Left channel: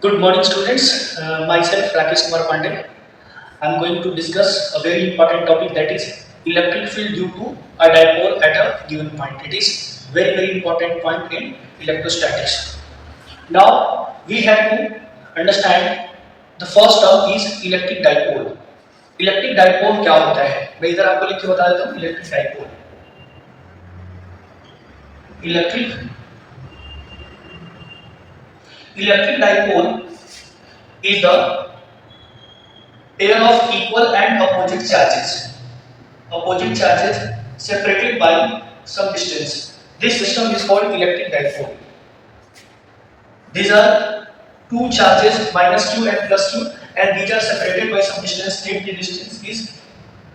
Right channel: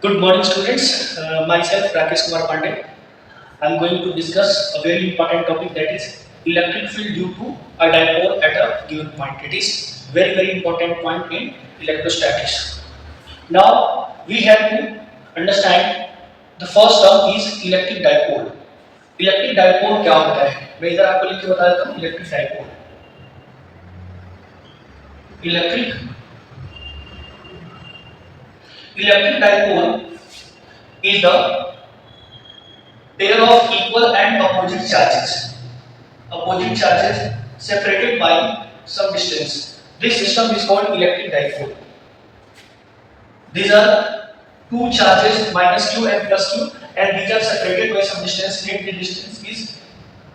Good morning, students. Myself, Rakesh Kumar Pandey. I am going to discuss a very important topic, that is electric field due to a dipole at a given point. It is very important point in electrostatics. Now we have to understand the first term is electric dipole. Electric dipole क्या होता है? मैं इधर आपको लिख के बता देता हूँ. Electric dipole is the pair of equal and opposite charges separated by some distance. This system is called electric dipole. These are two charges minus q and plus q, and these are separated by some distance. If the distance is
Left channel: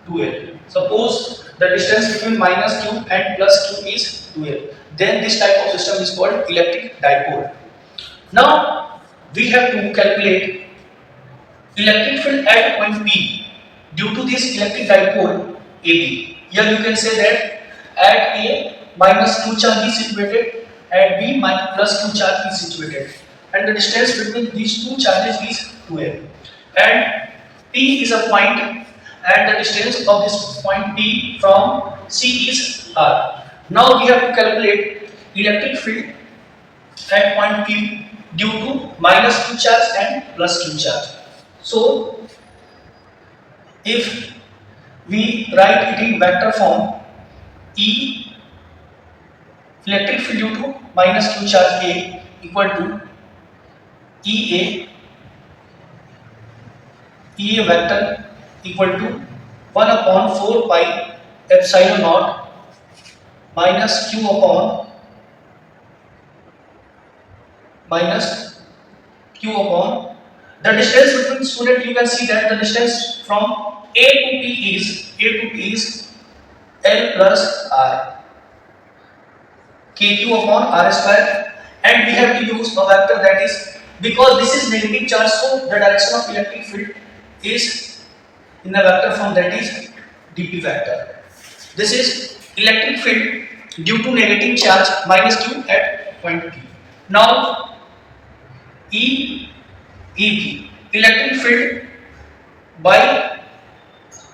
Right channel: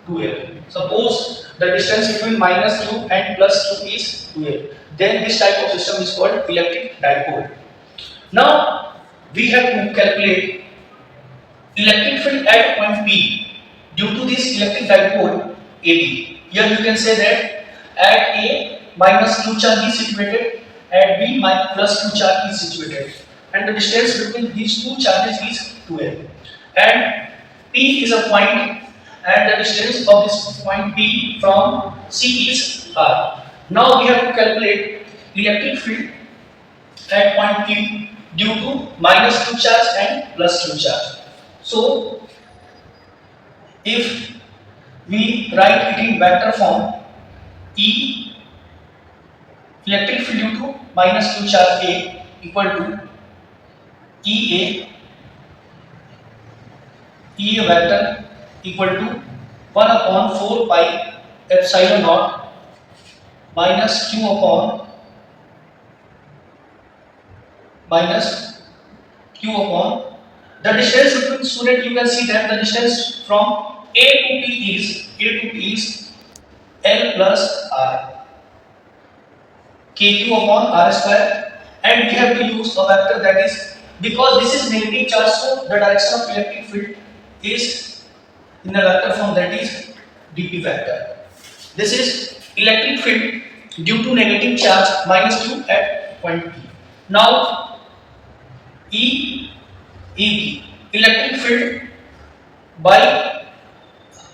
2l, suppose the distance between minus q and plus q is 2l, then this type of system is called electric dipole. Now we have to calculate electric field at point P due to this electric dipole AB. Here you can say that at A minus q charge is situated, at B plus q charge is situated, and the distance between these two charges is 2l. And P is a point, and the distance of this point P from C is R. Now we have to calculate electric field at point P due to minus q charge and plus q charge. So, if we write it in vector form, E electric field due to minus q charge A equal to EA vector equal to 1 upon 4 pi epsilon naught minus q upon the distance between student. You can see that the distance from A to P is L plus R, KQ upon R square, and we have to use a vector, that is, because this is negative charge, so the direction of electric field is in a vector form, that is dp vector. This is electric field due to negative charge minus q at point P. Now EB electric field by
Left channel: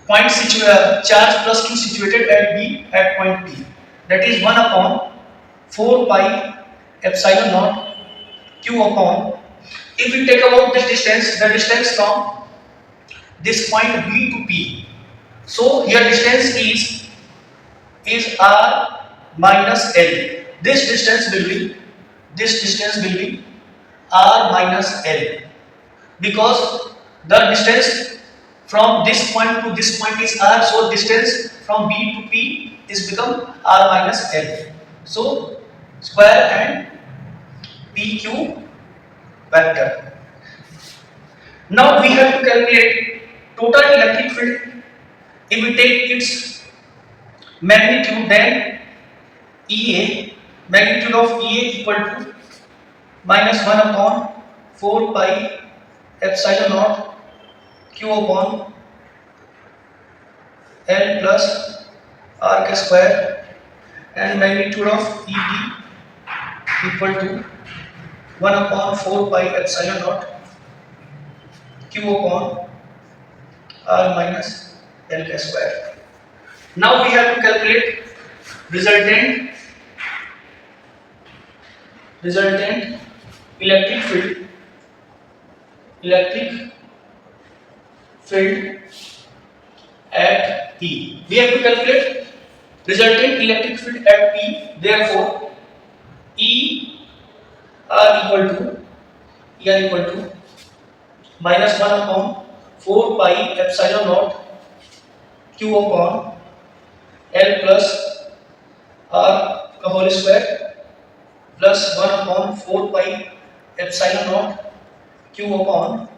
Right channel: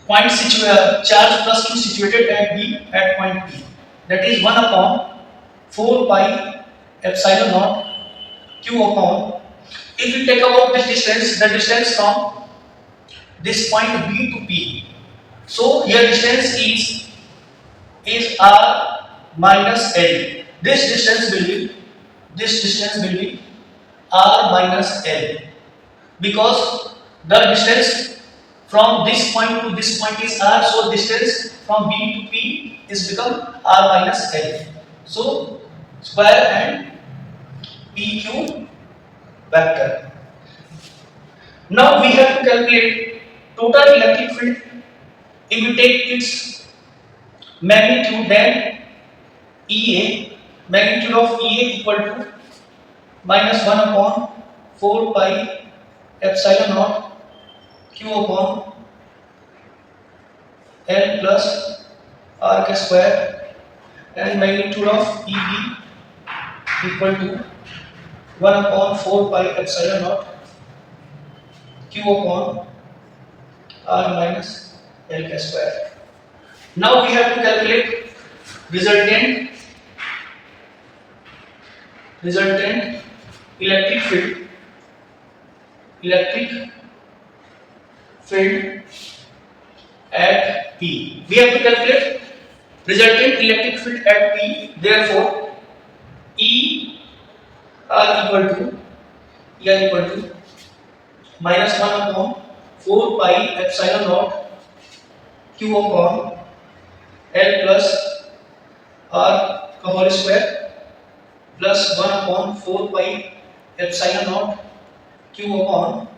point charge plus q situated at B at point P, that is 1 upon 4 pi epsilon naught q upon, if we take about this distance, the distance from this point B to P, so here distance is R minus L. This distance will be R minus L, because the distance from this point to this point is R, so distance from B to P is become R minus L. So square and PQ vector. Now we have to calculate total electric field. If we take its magnitude, then magnitude of EA equal to minus 1 upon 4 pi epsilon naught q upon L plus R k square, and magnitude of EB equal to 1 upon 4 pi epsilon naught q upon R minus L k square. Now we have to calculate resultant electric field at P. We have to calculate resultant electric field at P. Therefore, ER equal to minus 1 upon 4 pi epsilon naught q upon L plus R का whole square plus 1 upon 4 pi epsilon naught q upon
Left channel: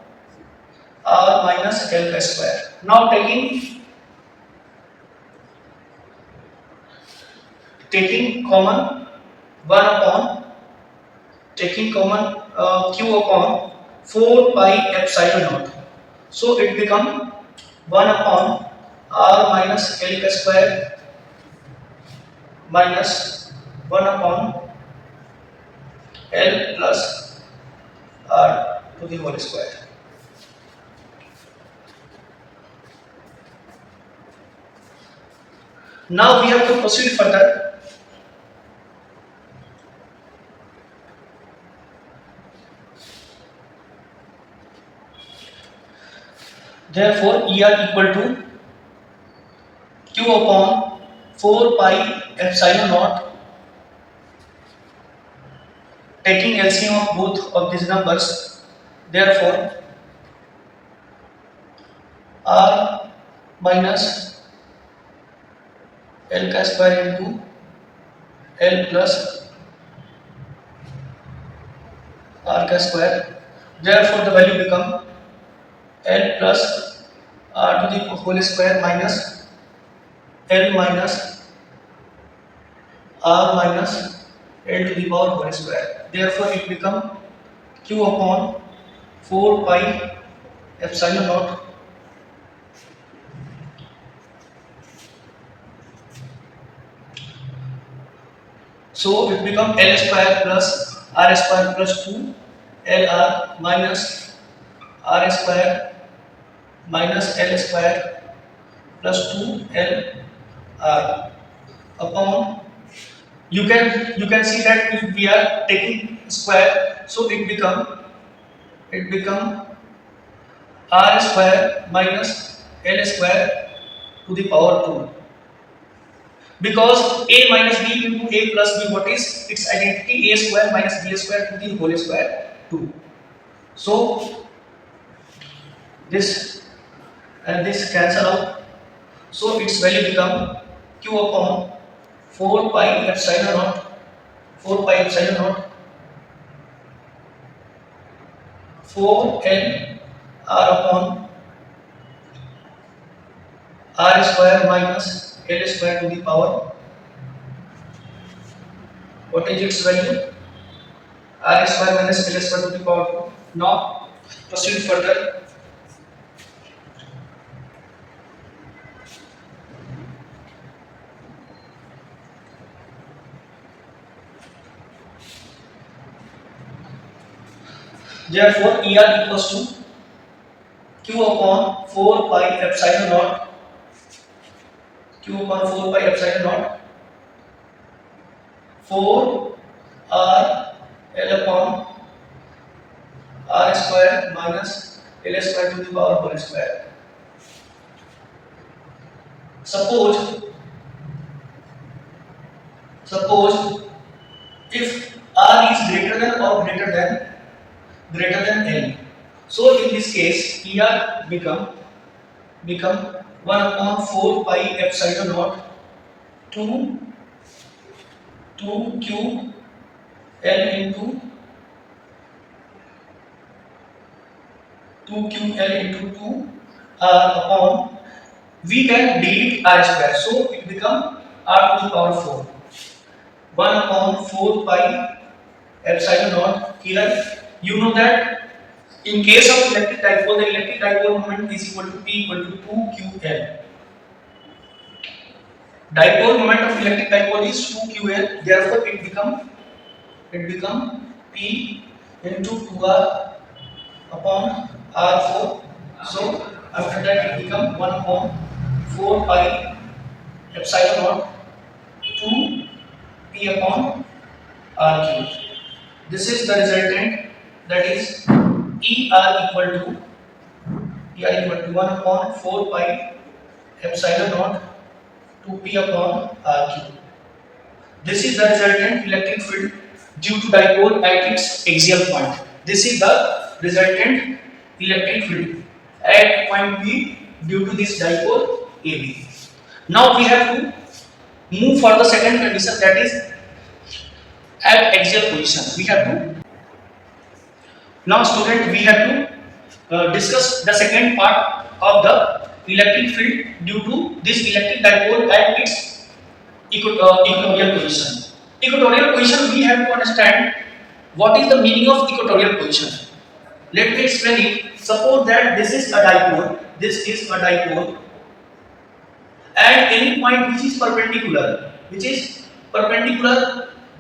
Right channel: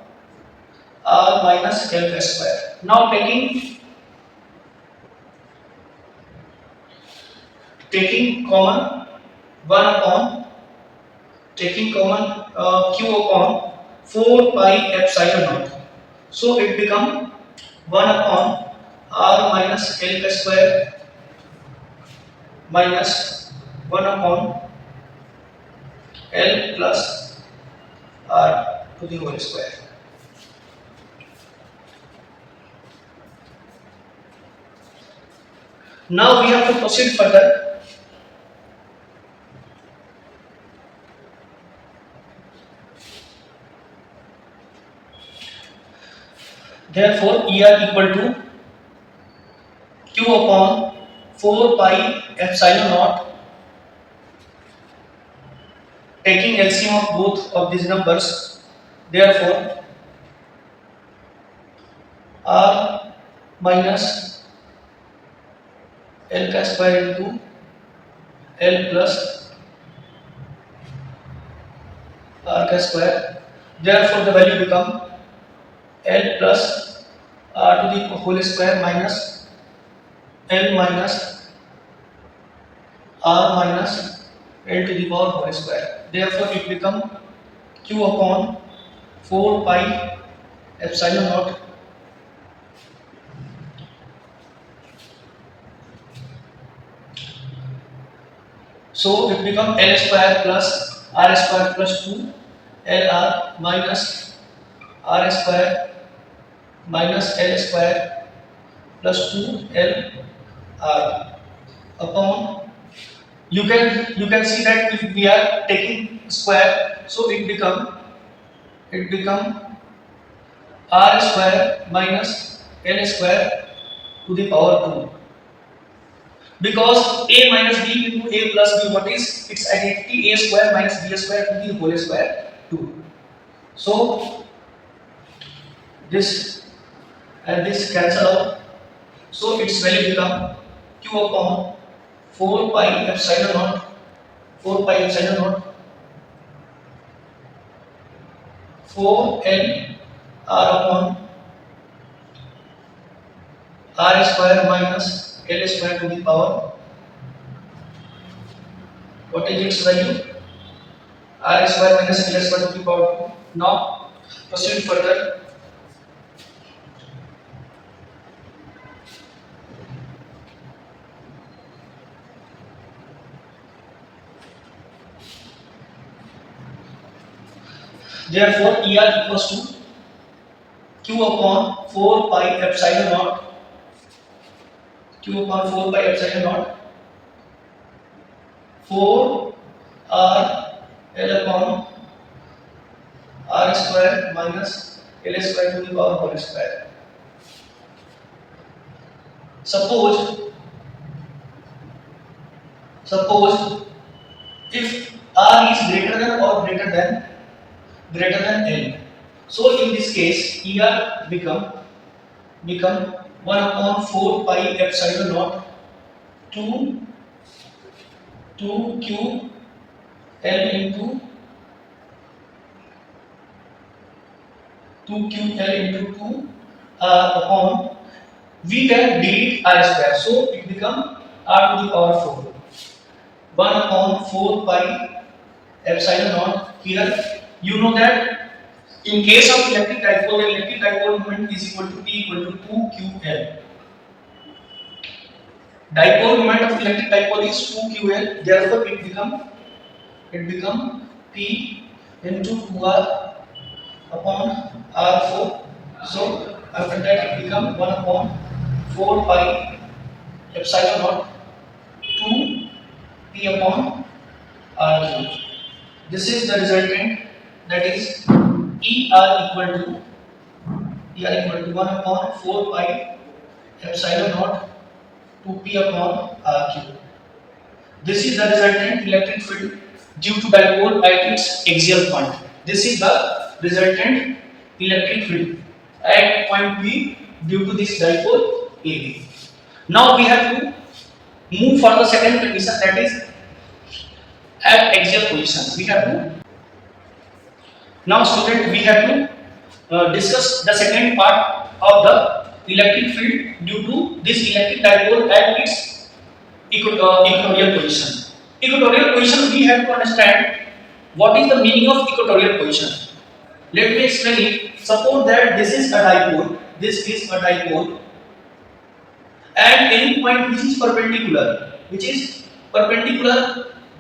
R minus L square. Now taking common 1 upon q upon 4 pi epsilon naught, so it become 1 upon R minus L square minus 1 upon L plus R to the whole square. Now we have to proceed further. Therefore, ER equal to Q upon 4 pi epsilon naught, taking LCM of both of these numbers. Therefore, R minus L का square into L plus R का square. Therefore, the value become L plus R to the whole square minus L minus R minus L to the power whole square. Therefore, it become Q upon 4 pi epsilon naught so it become L square plus R square plus 2 LR minus R square minus L square plus 2 LR upon you can see that if we are taking square, so it become R square minus L square to the power 2. Because A minus B into A plus B, what is its identity? A square minus B square to the whole square 2. So this and this cancel out. So its value become Q upon 4 pi epsilon naught 4 pi epsilon naught 4 L R upon R square minus L square to the power. What is its value? R square minus L square to the power 2. Now proceed further. Therefore, ER equals to Q upon 4 pi epsilon naught Q upon 4 pi epsilon naught 4 R L upon R square minus L square to the power whole square. Suppose if R is greater than or greater than L. So in this case, ER become 1 upon 4 pi epsilon naught 2 Q L into 2 upon we can delete R square, so it become R to the power 4 1 upon 4 pi epsilon naught. Here you know that in case of electric dipole, the electric dipole moment is equal to P equal to 2QL. Dipole moment of electric dipole is 2QL. Therefore, it become P into 2R upon R4. So after that, it become 1 upon 4 pi epsilon naught 2 P upon R cube. This is the resultant, that is ER equal to 1 upon 4 pi epsilon naught 2p upon R cube. This is the resultant electric field due to dipole at its axial point. This is the resultant electric field at point P due to this dipole AB. Now we have to move for the second condition, that is at axial position. We have to now student we have to discuss the second part of the electric field due to this electric dipole at its equatorial position. Equatorial position, we have to understand what is the meaning of equatorial position. Let me explain it. Suppose that this is a dipole, and any point which is perpendicular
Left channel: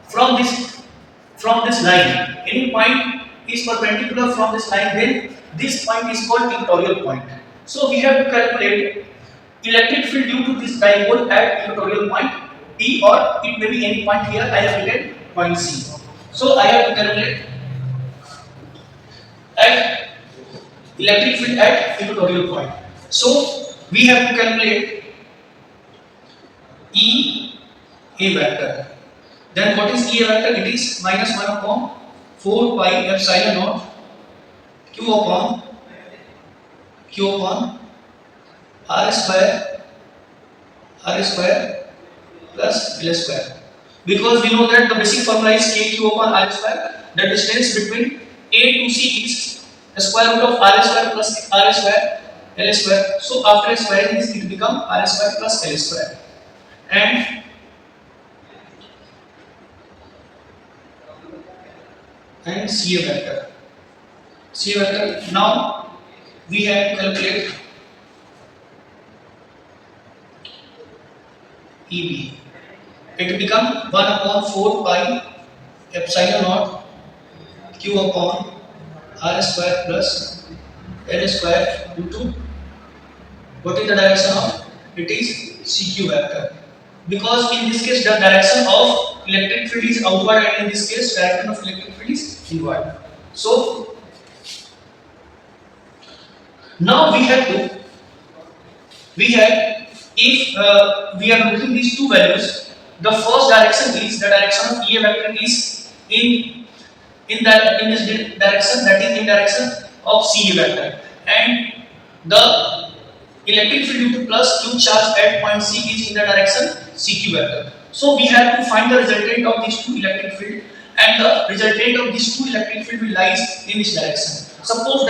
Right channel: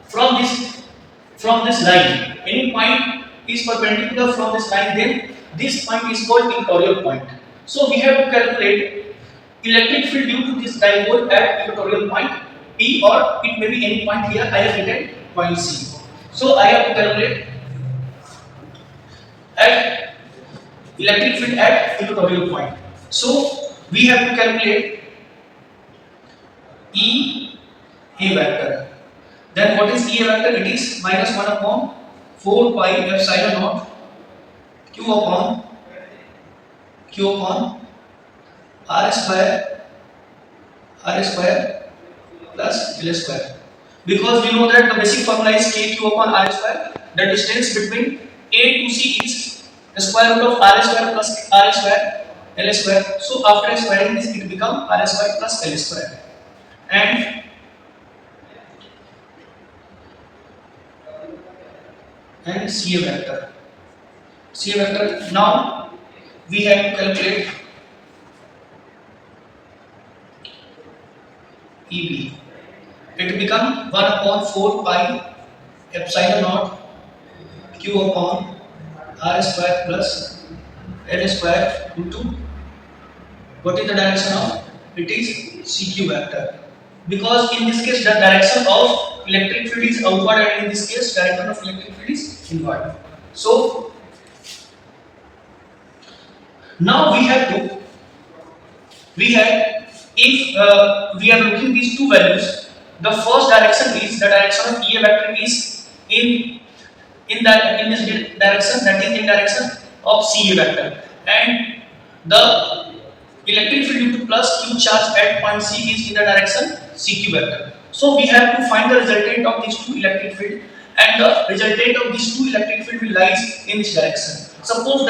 from this line, any point is perpendicular from this line, then this point is called equatorial point. So we have to calculate electric field due to this dipole at equatorial point P, or it may be any point. Here I have written point C. So I have to calculate at electric field at equatorial point. So we have to calculate E A vector. Then what is E A vector? It is minus 1 upon 4 pi epsilon naught Q upon R square plus L square. Because we know that the basic formula is KQ upon R square. The distance between A to C is the square root of R square plus R square L square. So after squaring this, it becomes R square plus L square. And C A vector. C A vector. Now we have to calculate EB. It becomes 1 upon 4 pi epsilon naught Q upon R square plus L square into what is the direction of? It is CQ vector. Because in this case the direction of electric field is outward, and in this case direction of electric field is inward. So now if we are looking these two values, the first direction is the direction of E A vector is in this direction, that is in direction of C A vector, and the electric field due to plus Q charge at point C is in the direction CQ vector. So we have to find the resultant of these two electric field, and the resultant of these two electric field will lies in this direction. Suppose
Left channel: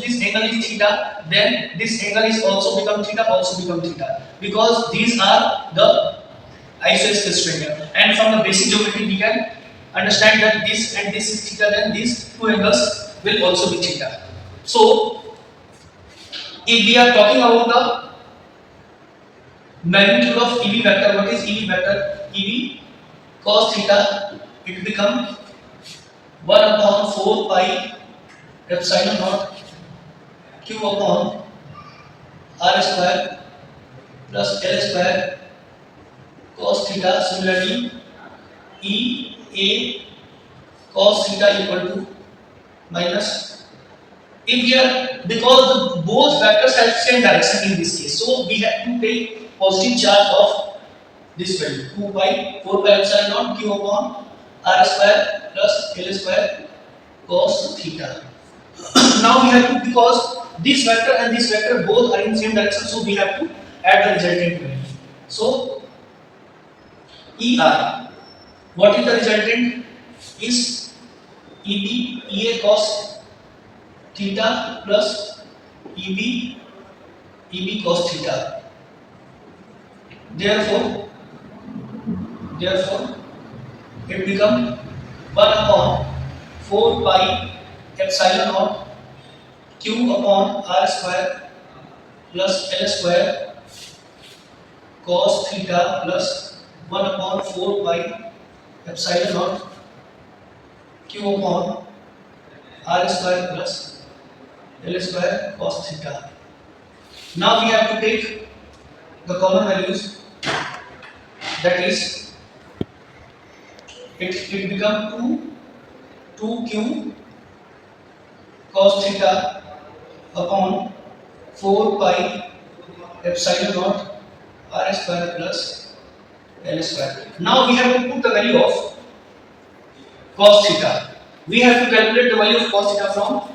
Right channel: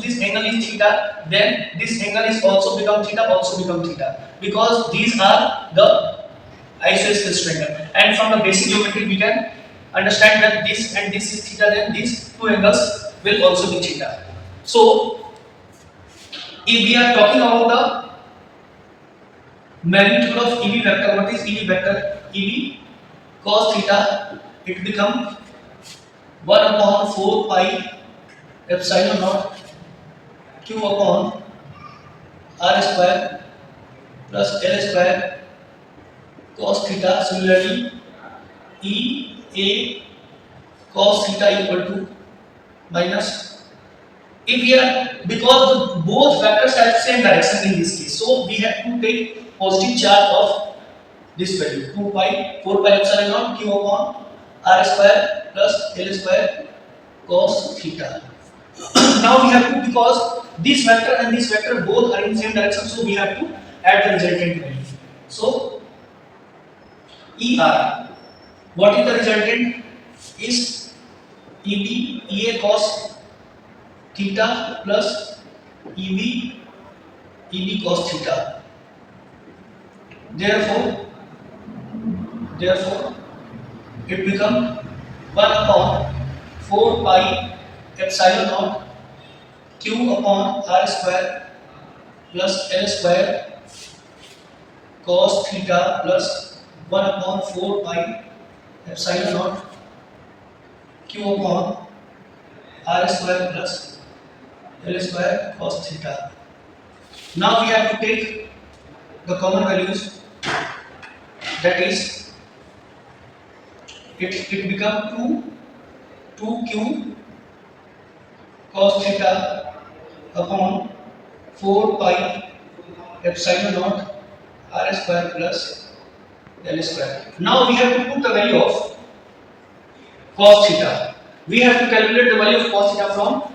this angle is theta, then this angle is also become theta, because these are the isosceles triangle, and from the basic geometry we can understand that this and this is theta, then these two angles will also be theta. So if we are talking about the magnitude of EB vector, what is EB vector? EB cos theta, it become 1 upon 4 pi epsilon naught Q upon R square plus L square cos theta. Similarly, E A cos theta equal to minus, if we are, because both vectors have same direction in this case, so we have to take positive charge of this value 4 pi epsilon naught Q upon R square plus L square cos theta. Now we have to, because this vector and this vector both are in same direction, so we have to add the resultant value. So ER, what is the resultant? Is EA cos theta plus EB cos theta. Therefore it become 1 upon 4 pi epsilon naught Q upon R square plus L square cos theta plus 1 upon 4 pi epsilon naught Q upon R square plus L square cos theta. Now we have to take the common values, that is it become 2Q cos theta upon 4 pi epsilon naught R square plus L square. Now we have to put the value of cos theta. We have to calculate the value of cos theta from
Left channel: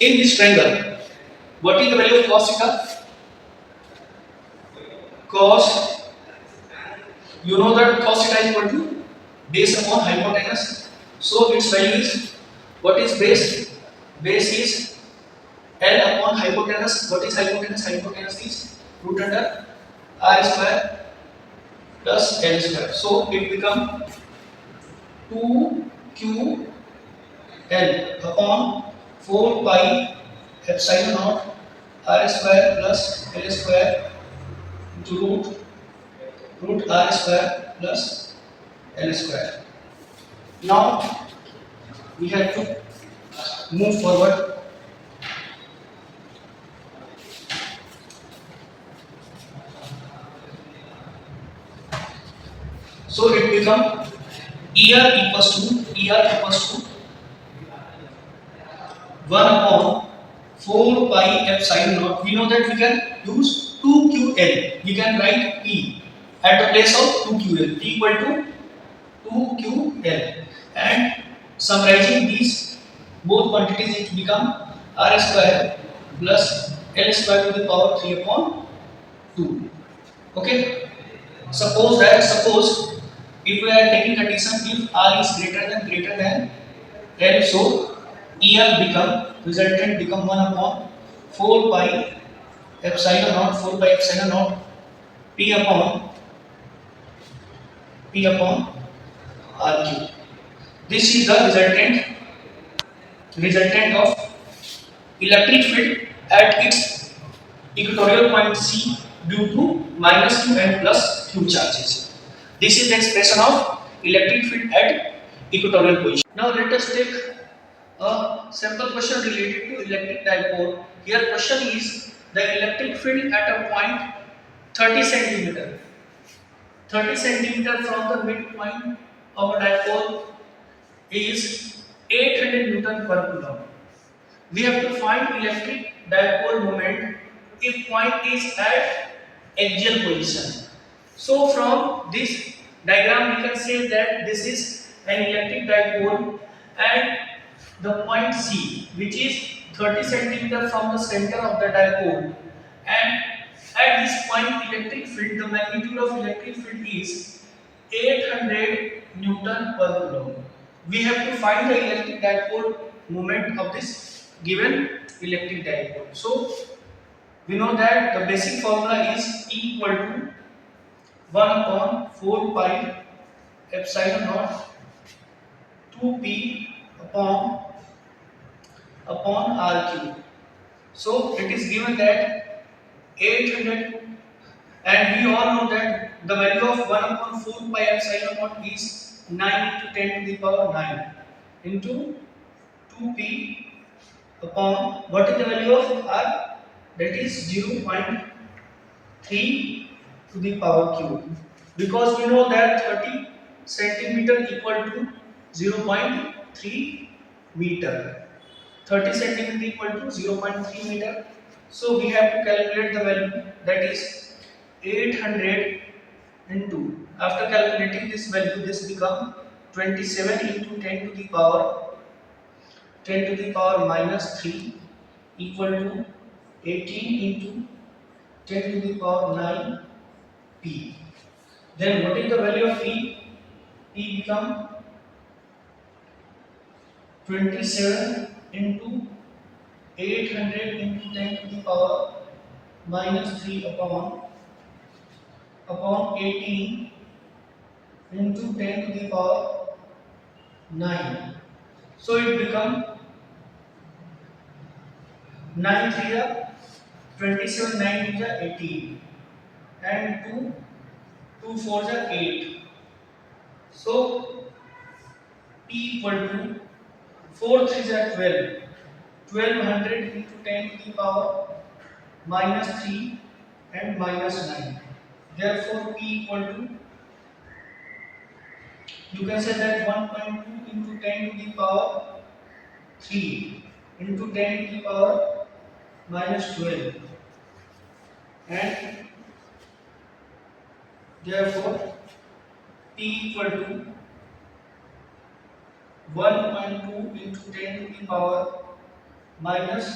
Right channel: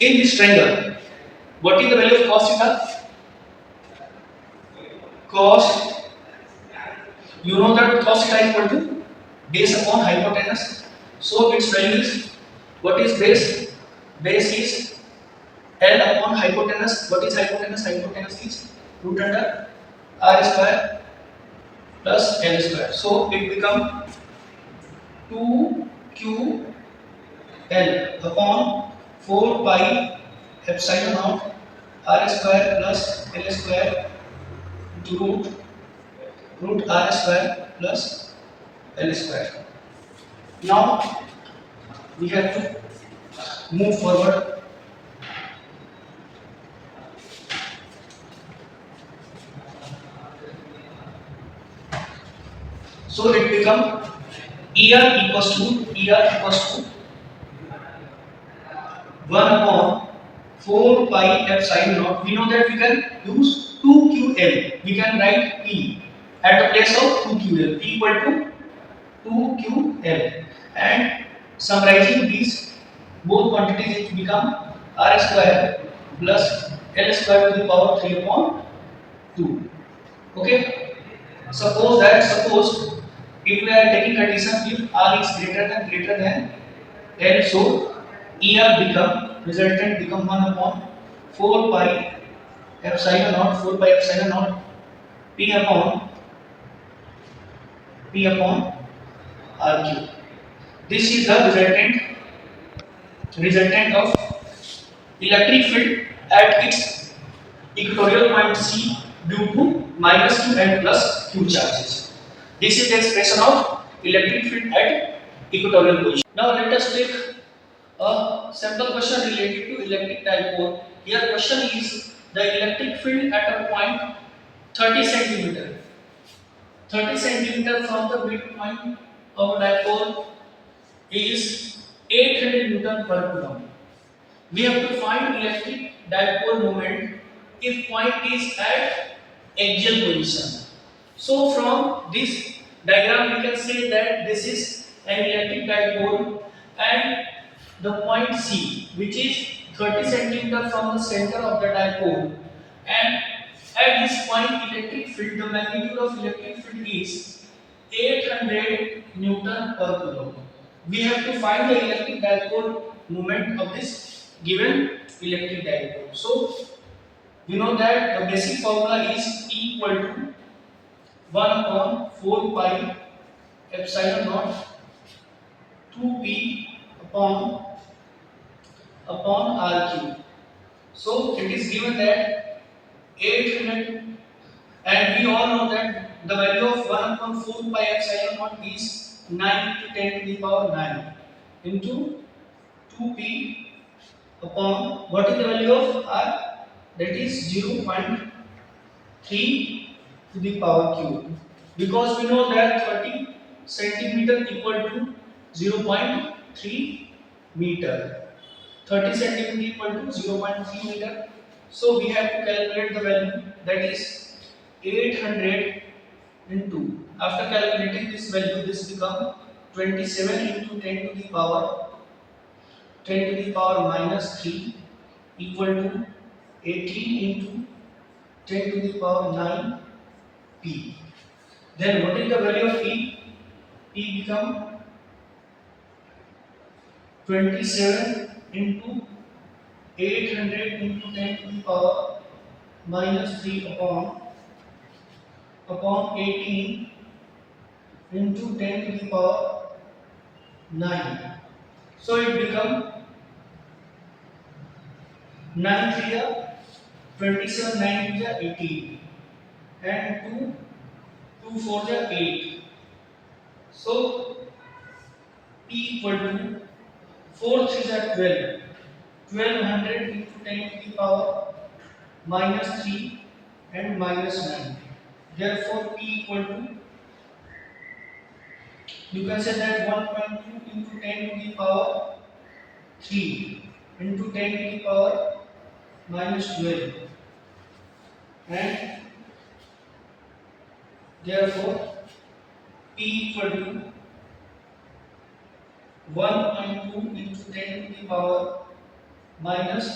in this triangle. What is the value of cos theta? Cos, you know that cos theta is equal to base upon hypotenuse. So its value is, what is base? Base is L upon hypotenuse. What is hypotenuse? Hypotenuse is root under R square plus L square. So it become 2Q L upon 4 pi epsilon naught R square plus L square into root R square plus L square. Now we have to move forward. So it become ER equals to 1 upon 4 pi epsilon naught. We know that we can use 2QL. We can write P at the place of 2QL. P equal to 2QL. And summarizing these both quantities, it become R square plus L square to the power 3 upon 2. Okay. Suppose if we are taking condition if R is greater than L, so ER become resultant become 1 upon 4 pi epsilon naught P upon R cube. This is the resultant of electric field at its equatorial point C due to minus q and plus q charges. This is the expression of electric field at equatorial position. Now let us take a simple question related to electric dipole. Here question is the electric field at a point 30 centimeter. 30 centimeter from the midpoint of a dipole is 800 Newton per coulomb. We have to find electric dipole moment if point is at axial position. So from this diagram we can say that this is an electric dipole and the point C, which is 30 centimeter from the center of the dipole, and at this point electric field, the magnitude of electric field is 800 Newton per coulomb. We have to find the electric dipole moment of this given electric dipole. So we know that the basic formula is E equal to 1 upon 4 pi epsilon naught 2p upon r cube. So it is given that 800, and we all know that the value of 1 upon 4 pi epsilon naught is 9 into 10 to the power 9 into 2p upon what is the value of r, that is 0.3 to the power cube, because we know that 30 centimeter equal to 0.3 meter. 30 centimeter equal to 0.3 meter. So we have to calculate the value, that is 800 into, after calculating this value, this become 27 into 10 to the power minus 3 equal to 18 into 10 to the power 9 p. Then what is the value of p? P become 27 into 800 into 10 to the power minus 3 upon 18 into 10 to the power 9. So it become 9 3 are 27, 9 2 are 18, and 2 4 are 8. So P equal to 4 3 are 12. 1200 into 10 to the power minus 3 and minus 9. Therefore, P equal to, you can say that 1.2 into 10 to the power 3 into 10 to the power minus 12, and therefore P equal to 1.2 into 10 to the power minus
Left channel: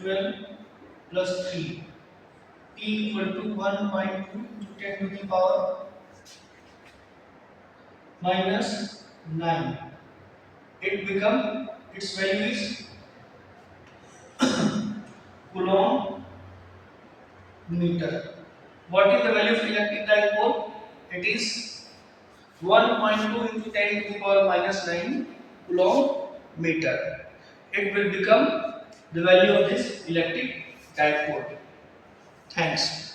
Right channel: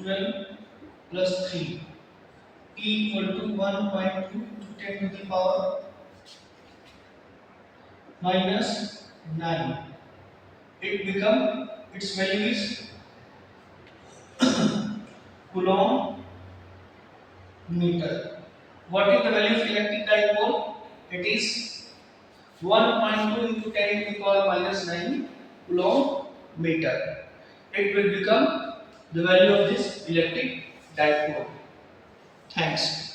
12 plus 3. P equal to 1.2 into 10 to the power minus 9. Its value is coulomb meter. What is the value of electric dipole? It is 1.2 into 10 to the power minus 9 coulomb meter. It will become the value of this electric dipole. Thanks.